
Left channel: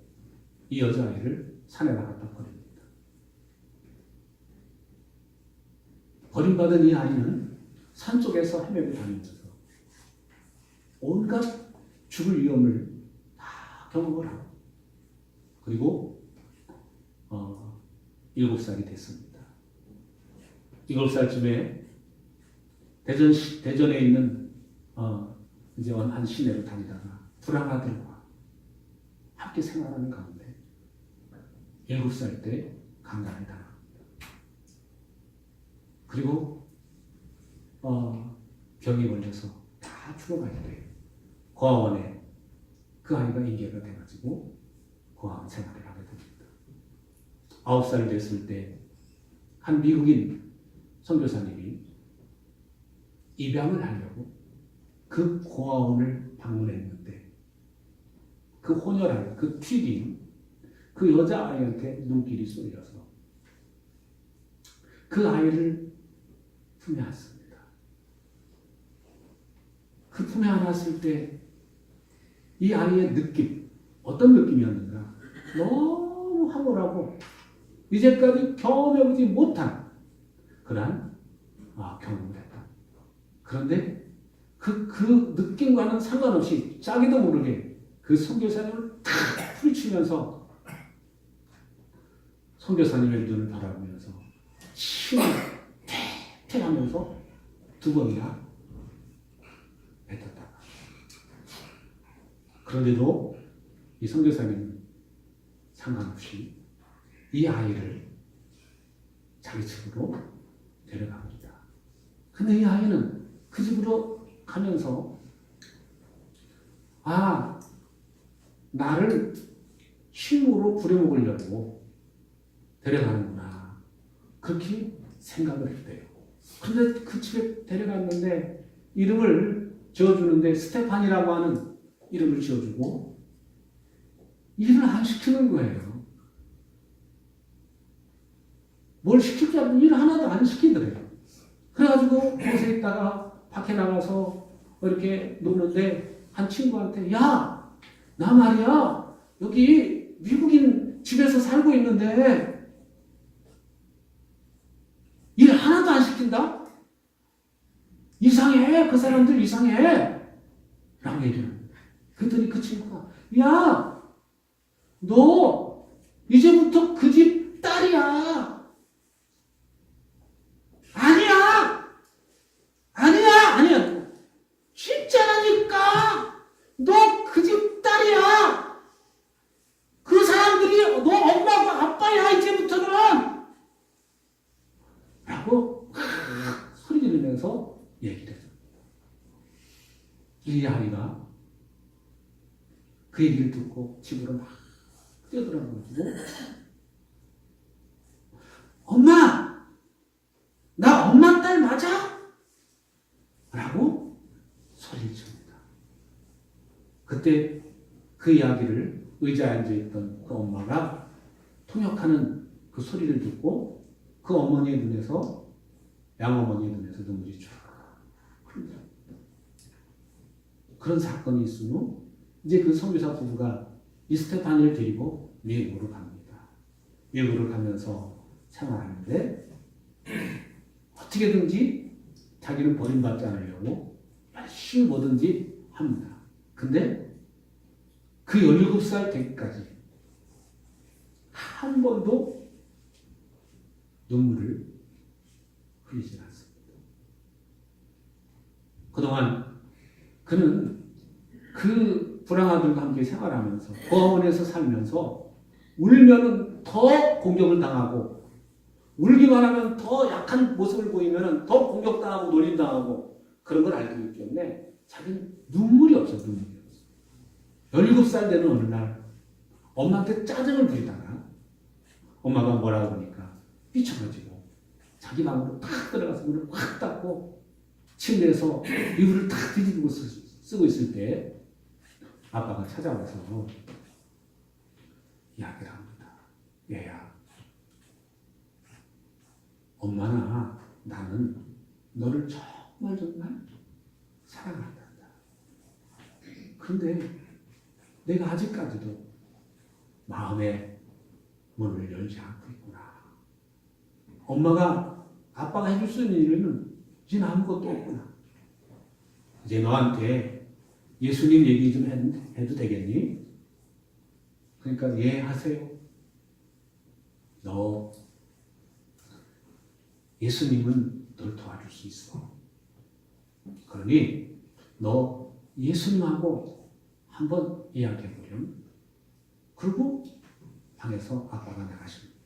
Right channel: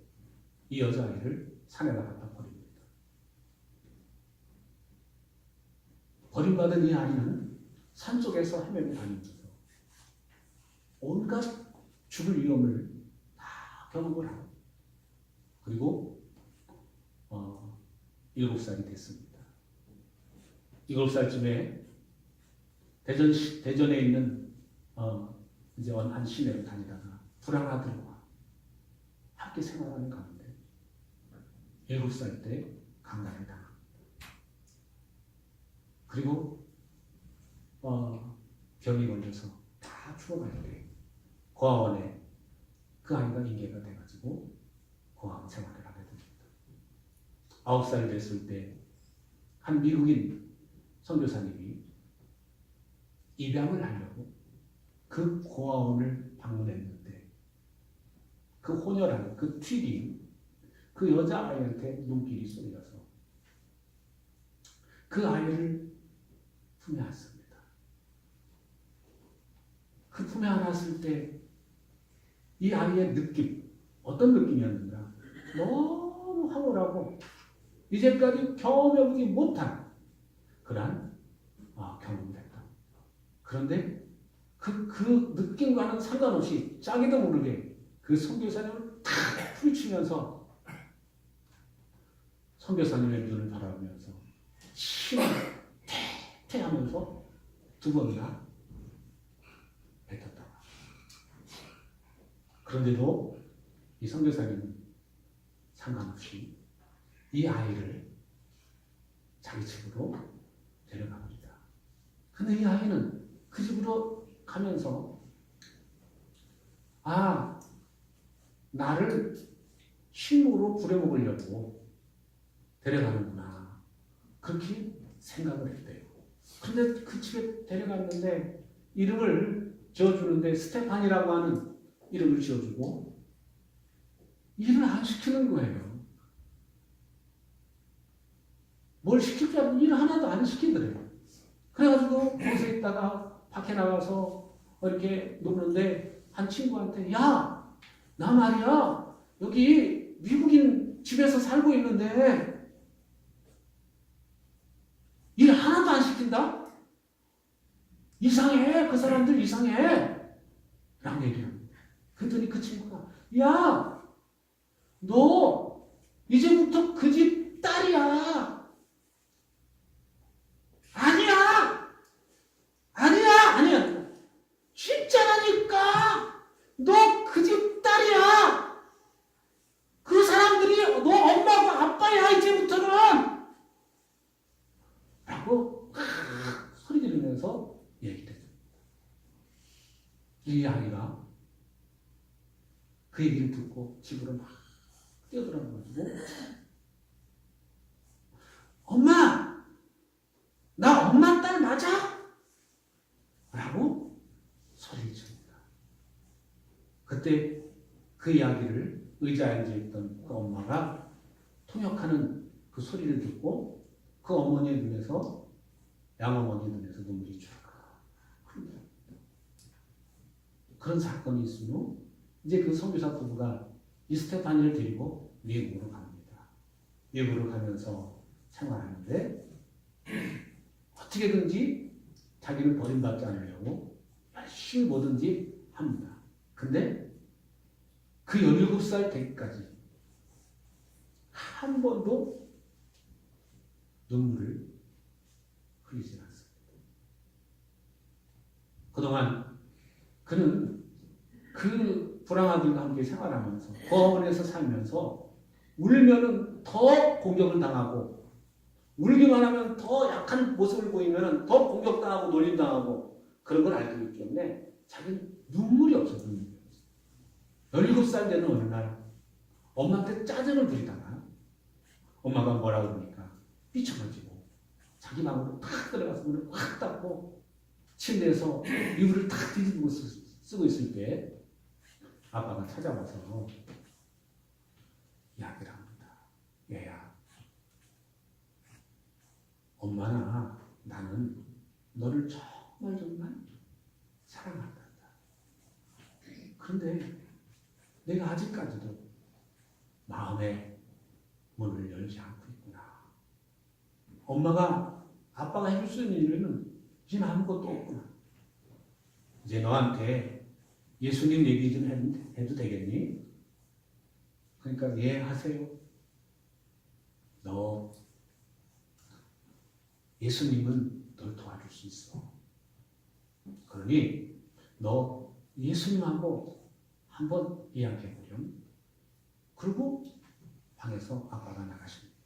이 여자아이를 산에다 갖다 버립니다. 버림받은 이 아이는 산 속에서 헤매고 다니면서 온갖 죽을 위험을 다 경험을 하고 그리고 7살이 됐습니다. 7살쯤에 대전에 있는 이제 한 시내로 다니다가 불안하들과 함께 생활하는 가운데 7살 때 강간을 당합니다. 그리고 병이 걸려서 다 죽어가야 돼요. 고아원에 그 아이가 인계가 돼가지고 고아원 생활을 하게 됩니다. 9살 됐을 때 한 미국인 선교사님이 입양을 하려고 그 고아원을 방문했는데 그 혼혈한 그 튀긴 그 여자아이한테 눈길이 쏠려서 그 아이를 품에 안습니다. 그 품에 안았을 때 이 아이의 느낌, 어떤 느낌이었는가? 너무 황홀하고 이제까지 경험해보지 못한 그러한 경험을 했다. 그런데 그 느낌과는 상관없이 자기도 모르게 그 선교사님을 탁 풀치면서 선교사님의 눈을 바라보면서 침을 태 하면서 2번이나 뱉었다. 그런데도 이 선교사님은 상관없이 이 아이를 자기 집으로 데려갑니다. 근데 이 아이는 그 집으로 가면서 나를 힘으로 부려먹으려고 데려가는구나. 그렇게 생각을 했대요. 근데 그 집에 데려갔는데 이름을 지어주는데 스테판이라고 하는 이름을 지어주고 일을 안 시키는 거예요. 뭘 시킬 줄 알고 일 하나도 안 시키더래요. 그래가지고 거기서 있다가 밖에 나가서 이렇게 노는데 한 친구한테 야, 나 말이야 여기 미국인 집에서 살고 있는데 일 하나도 안 시킨다? 이상해. 그 사람들 이상해. 라고 얘기를 합니다. 그랬더니 그 친구가 야, 너 이제부터 그 집 딸이야. 아니야. 진짜라니까. 너 그 집 딸이야. 그 사람들이 너 엄마가 아빠야 이제부터는. 라고 소리 지르면서 얘기를 해요. 이 아이가 그 얘기를 듣고 집으로 막 뛰어들어가지고 엄마! 나 엄마 딸 맞아? 라고 소리를 칩니다. 그때 그 이야기를 의자에 앉아있던 그 엄마가 통역하는 그 소리를 듣고 그 어머니의 눈에서 양어머니의 눈에서 눈물이 쭉 흐릅니다. 그런 사건이 있은 후 이제 그 선교사 부부가 이 스테파니를 데리고 미국으로 갑니다. 미국으로 가면서 생활하는데 어떻게든지 자기를 버림받지 않으려고 열심히 뭐든지 합니다. 근데 그 17살 되기까지 한 번도 눈물을 흘리지 않습니다. 그동안 그는 그 불황아들과 함께 생활하면서 고아원에서 살면서 울면은 더 공격을 당하고 울기만 하면 더 약한 모습을 보이면 더 공격당하고 놀림당하고 그런 걸 알고 있기 때문에 자기는 눈물이 없어요. 눈물이 없어. 17살 되는 어느 날 엄마한테 짜증을 부리다가 엄마가 뭐라 그러니까 삐쳐가지고 자기 방으로 탁 들어가서 문을 확 닫고 침대에서 이불을 탁 뒤집고 쓰고 있을 때 아빠가 찾아와서 이야기를 합니다. 얘야, 엄마나 나는 너를 정말 사랑한다. 그런데 내가 아직까지도 마음의 문을 열지 않고 있구나. 엄마가 아빠가 해줄 수 있는 일은 이제 아무것도 없구나. 이제 너한테 예수님 얘기 좀 해도 되겠니? 그러니까 예 하세요. 너 예수님은 널 도와줄 수 있어. 그러니 너 예수님하고 한번 이야기해보렴. 그리고 방에서 아빠가 나가십니다.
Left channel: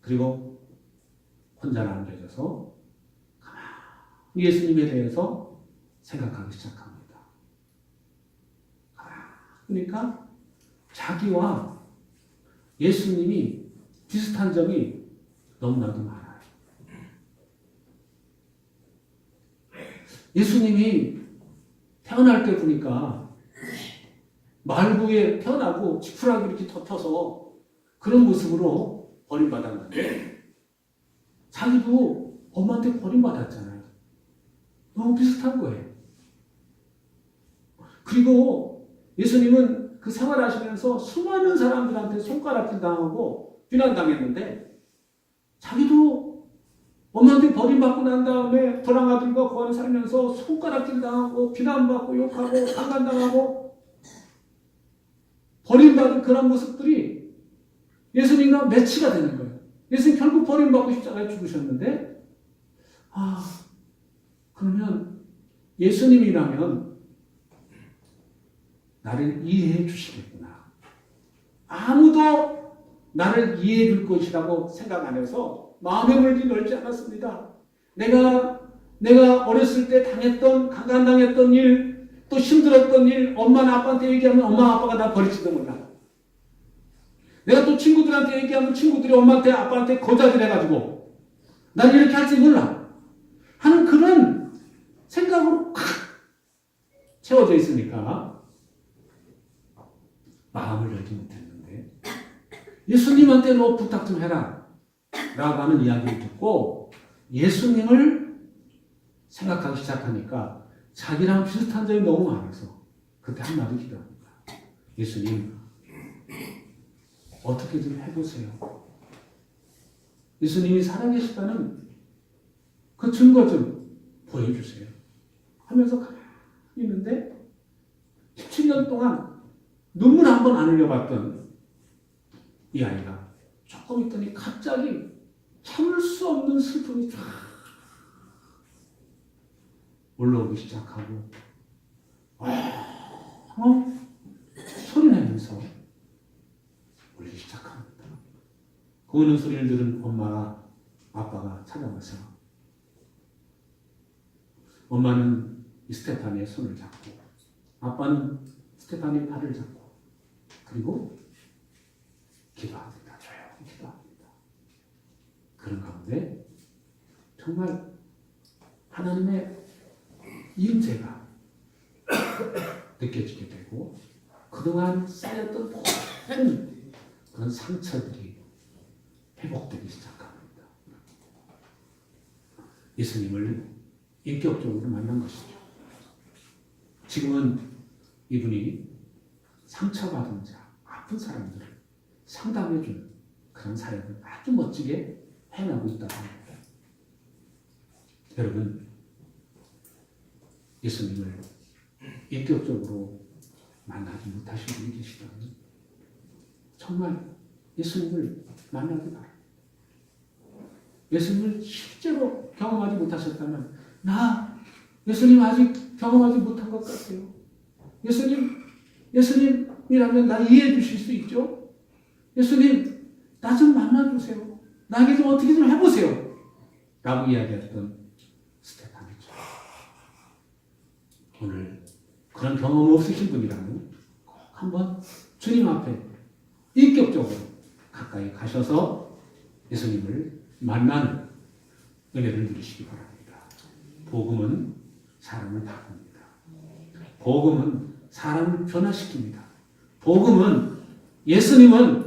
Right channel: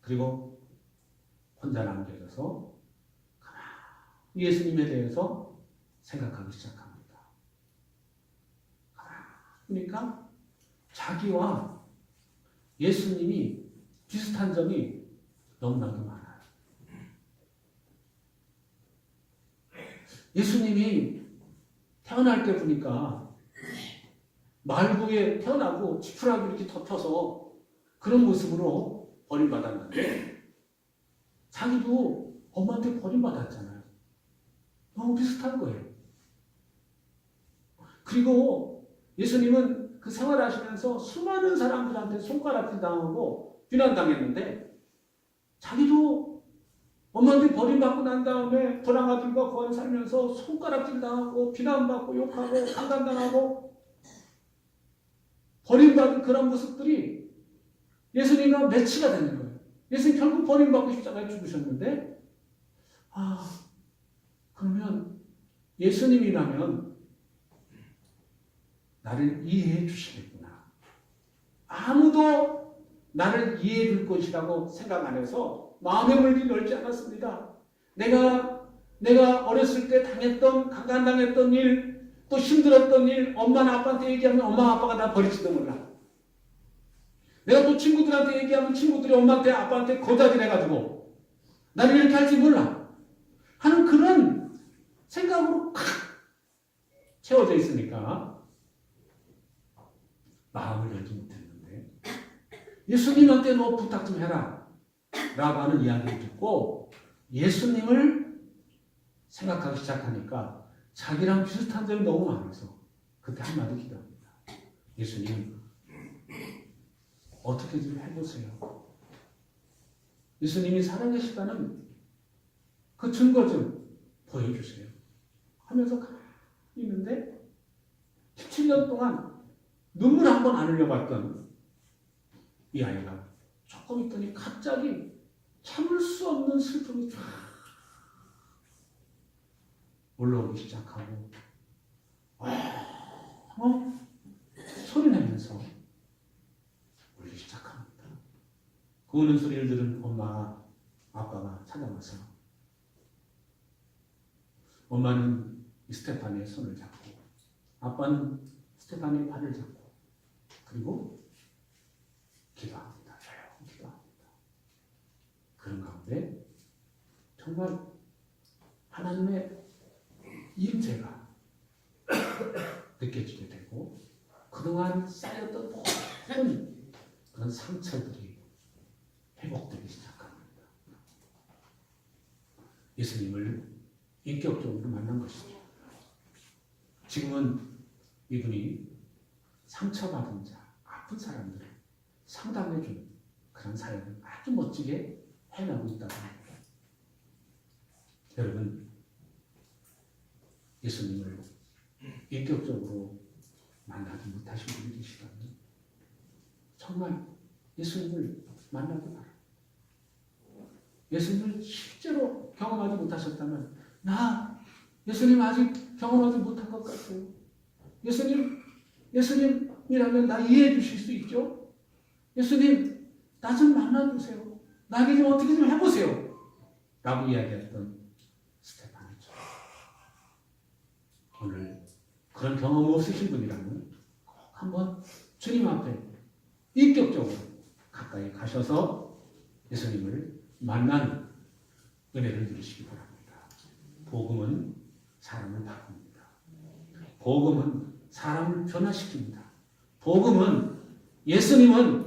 그리고 혼자 남겨져서 가만히 예수님에 대해서 생각하기 시작합니다. 그러니까 자기와 예수님이 비슷한 점이 너무나도 많아요. 예수님이 태어날 때 보니까 말구에 태어나고 지푸라기 이렇게 덮여서 그런 모습으로 버림받았는데 자기도 엄마한테 버림받았잖아요. 너무 비슷한 거예요. 그리고 예수님은 그 생활하시면서 수많은 사람들한테 손가락질 당하고 비난당했는데 자기도 엄마한테 버림받고 난 다음에 도랑 아들과 거하게 살면서 손가락질 당하고 비난받고 욕하고 강간당하고 버림받은 그런 모습들이 예수님과 매치가 되는 거예요. 예수님 결국 버림받고 십자가에 죽으셨는데 그러면 예수님이라면 나를 이해해 주시겠구나. 아무도 나를 이해해 줄 것이라고 생각 안 해서 마음의 문을 열지 않았습니다. 내가 어렸을 때 당했던, 강간당했던 일, 또 힘들었던 일, 엄마나 아빠한테 얘기하면 엄마 아빠가 나 버리지도 몰라. 내가 또 친구들한테 얘기하면 친구들이 엄마한테 아빠한테 거다질 해가지고 나를 이렇게 할지 몰라 하는 그런 생각으로 칵 채워져 있으니까 마음을 열지 못했는데 예수님한테 너 부탁 좀 해라 라고 하는 이야기를 듣고 예수님을 생각하기 시작하니까 자기랑 비슷한 점이 너무 많아서 그때 한마디 기도합니다. 예수님 어떻게 좀 해보세요. 예수님이 살아계시다는 그 증거 좀 보여주세요. 하면서 가만히 있는데 17년 동안 눈물 한 번 안 흘려봤던 이 아이가 조금 있더니 갑자기 참을 수 없는 슬픔이 쫙 올라오기 시작하고 소리 내면서 울기 시작합니다. 그 우는 소리를 들은 엄마, 아빠가 찾아와서 엄마는 스테파니의 손을 잡고 아빠는 스테파니의 팔을 잡고 그리고 기도합니다. 조용히 기도합니다. 그런 가운데 정말 하나님의 임재가 느껴지게 되고 그동안 쌓였던 모든 그런 상처들이 회복되기 시작합니다. 예수님을 인격적으로 만난 것이죠. 지금은 이분이 상처받은 자, 아픈 사람들을 상담해주는 그런 사역을 아주 멋지게 해나가고 있다는 겁니다. 여러분, 예수님을 인격적으로 만나지 못하신 분이 계시다면 정말 예수님을 만나기 바랍니다. 예수님을 실제로 경험하지 못하셨다면 나 예수님 아직 경험하지 못한 것 같아요. 예수님이라면 나 이해해 주실 수 있죠? 예수님 나 좀 만나주세요. 나에게 좀 어떻게 좀 해보세요. 라고 이야기했던 스테파니죠. 오늘 그런 경험 없으신 분이라면 꼭 한번 주님 앞에 인격적으로 가까이 가셔서 예수님을 만나는 은혜를 누리시기 바랍니다. 복음은 사람을 바꿉니다. 복음은 사람을 변화시킵니다. 복음은 예수님은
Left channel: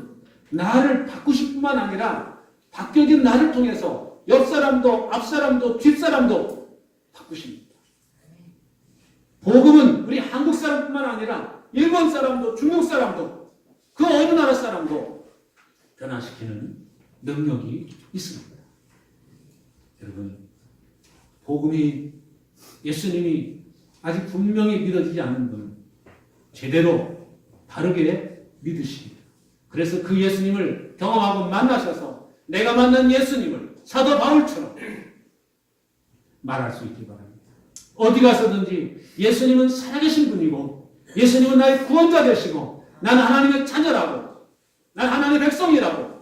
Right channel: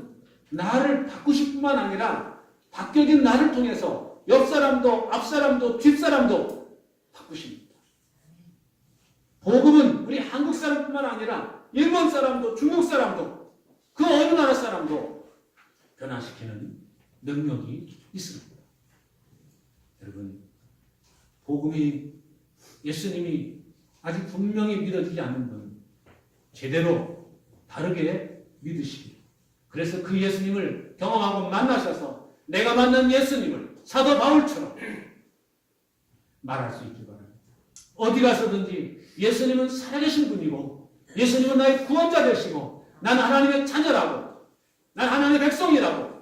나를 바꾸실 뿐만 아니라 바뀌어진 나를 통해서 옆 사람도 앞 사람도 뒷 사람도 바꾸십니다. 복음은 우리 한국 사람뿐만 아니라 일본 사람도 중국 사람도 그 어느 나라 사람도 변화시키는 능력이 있습니다. 여러분, 복음이 예수님이 아직 분명히 믿어지지 않는 분은 제대로 바르게 믿으시기. 그래서 그 예수님을 경험하고 만나셔서 내가 만난 예수님을 사도 바울처럼 말할 수 있기 바랍니다. 어디 가서든지 예수님은 살아계신 분이고 예수님은 나의 구원자 되시고 나는 하나님의 자녀라고 나는 하나님의 백성이라고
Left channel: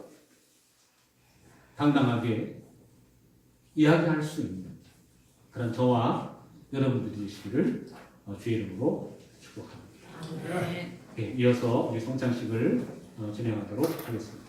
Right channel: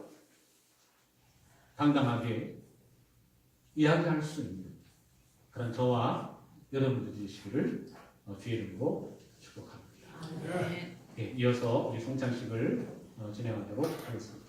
당당하게 이야기할 수 있는 그런 저와 여러분들이 되시기를 주의 이름으로 축복합니다. 네, 이어서 우리 성찬식을 진행하도록 하겠습니다.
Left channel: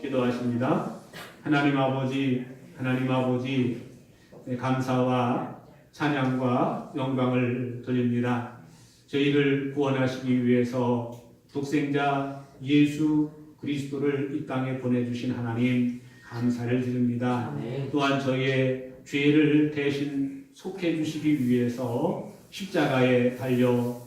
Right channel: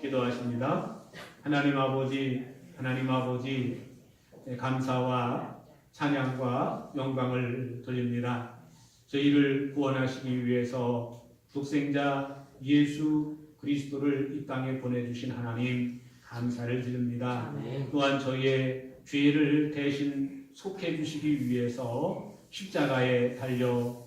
기도하십니다. 하나님 아버지 감사와 찬양과 영광을 드립니다. 저희를 구원하시기 위해서 독생자 예수 그리스도를 이 땅에 보내주신 하나님 감사를 드립니다. 또한 저희의 죄를 대신 속해 주시기 위해서 십자가에 달려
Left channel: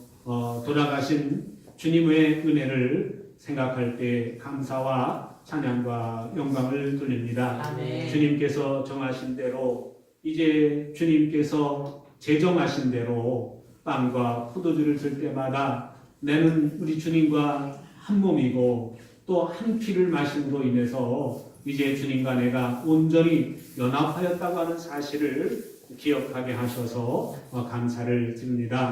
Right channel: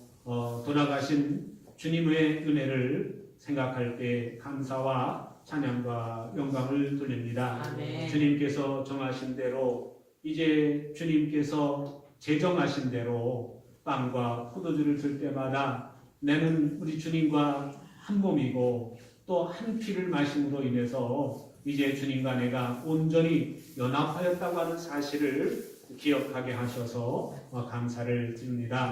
돌아가신 주님의 은혜를 생각할 때 감사와 찬양과 영광을 돌립니다. 아멘. 주님께서 정하신 대로 이제 주님께서 제정하신 대로 빵과 포도주를 줄 때마다 나는 우리 주님과 한 몸이고 또 한 피를 마심으로 인해서 이제 주님과 내가 온전히 연합하였다고 하는 사실을 기억하게 하셔서 감사를 드립니다.